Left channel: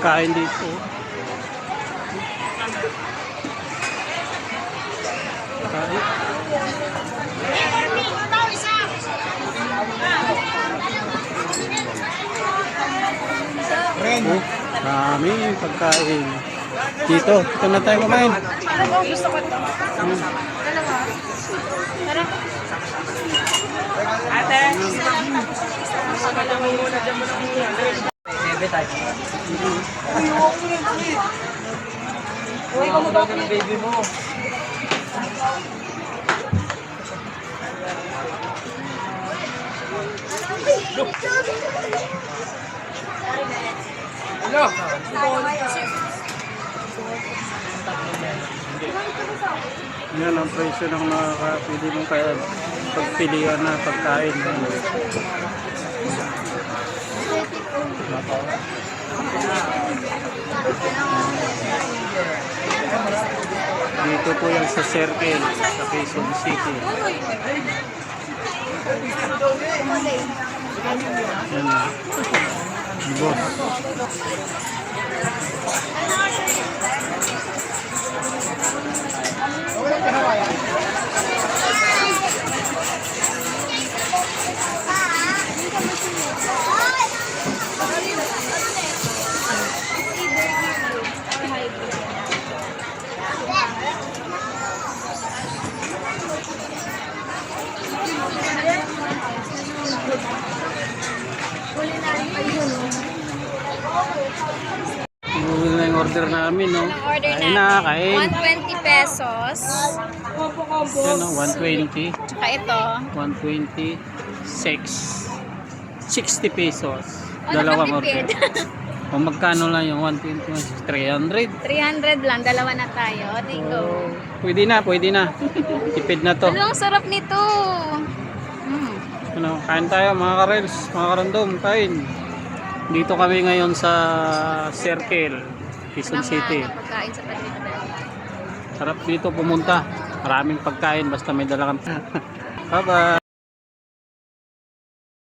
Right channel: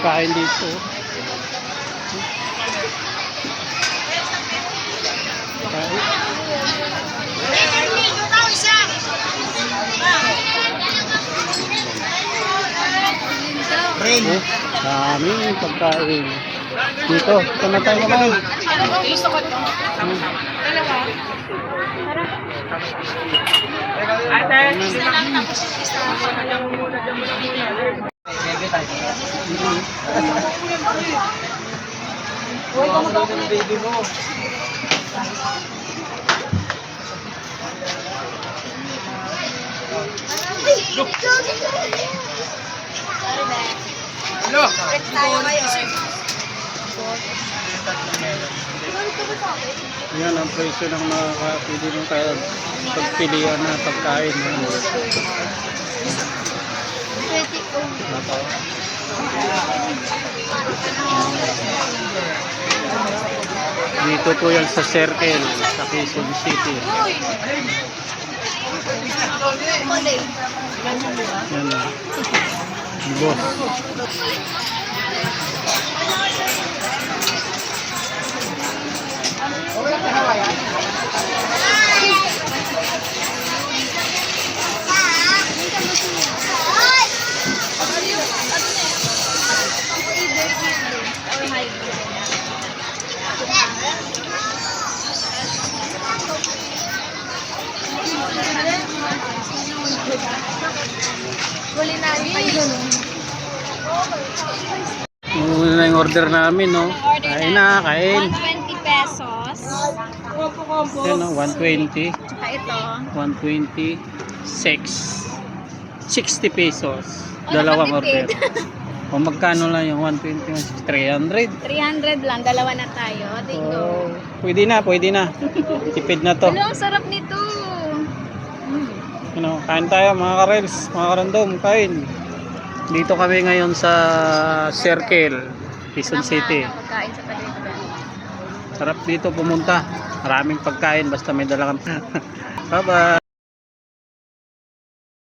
pagkain dito. Pagkain. Oh, daming pagkain. Dito na tayo kumain. Gusto ko ito. Dalawa. Tara. Ate. Uy, kamusta ng baby mo? Hello. Yan ang presyo ng nakakapili mo kaya pagpilian na pagkain. Dito po yan sa Circle, sa Quezon City. Yan na. Boss. Yun na yung order namin, no? Kain na, kain. 120 pesos. Yan, no? 120. Tsaka ito. 120. 60 pesos. Ano Dalawang ka order. tipid? O magkano lang yung 120? 300. 300 lang. Dalawa na tayo. Tingo. Oh, pwede na, pwede na. Tipid na to. Ang sarap nito. Ano, kain tayo mga karels, mga karandom, kain. Dito kami ngayon sa Circle, Quezon City. Pagkain sa Padre. Sarap dito pumunta. Maraming pagkain basta may dala kang. Bye-bye.